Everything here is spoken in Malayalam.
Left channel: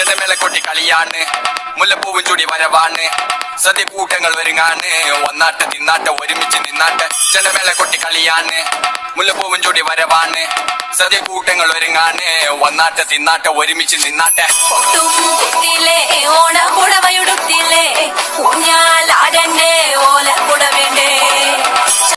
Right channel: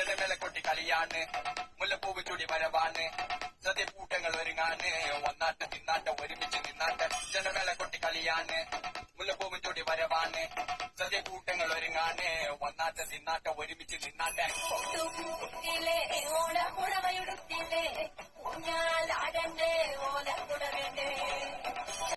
ചെണ്ടമേള കൊട്ടി കളിയാണ്, മുല്ലപ്പൂവും ചൂടി വരവാണ്, സദ്യ കൂട്ടങ്ങൾ ഒരുങ്ങാണ്, ഒന്നാട്ട് തിന്നാട്ട് ഒരുമിച്ച് നിന്നാട്ട്. ചെണ്ടമേള കൊട്ടി കളിയാണ്, മുല്ലപ്പൂവും ചൂടി വരവാണ്, സദ്യ കൂട്ടങ്ങൾ ഒരുങ്ങാണ്, ഒന്നാട്ട് തിന്നാട്ട് ഒരുമിച്ച് നിന്നാട്ടെ. ഓണ പുടവയുടുത്തില്ലേ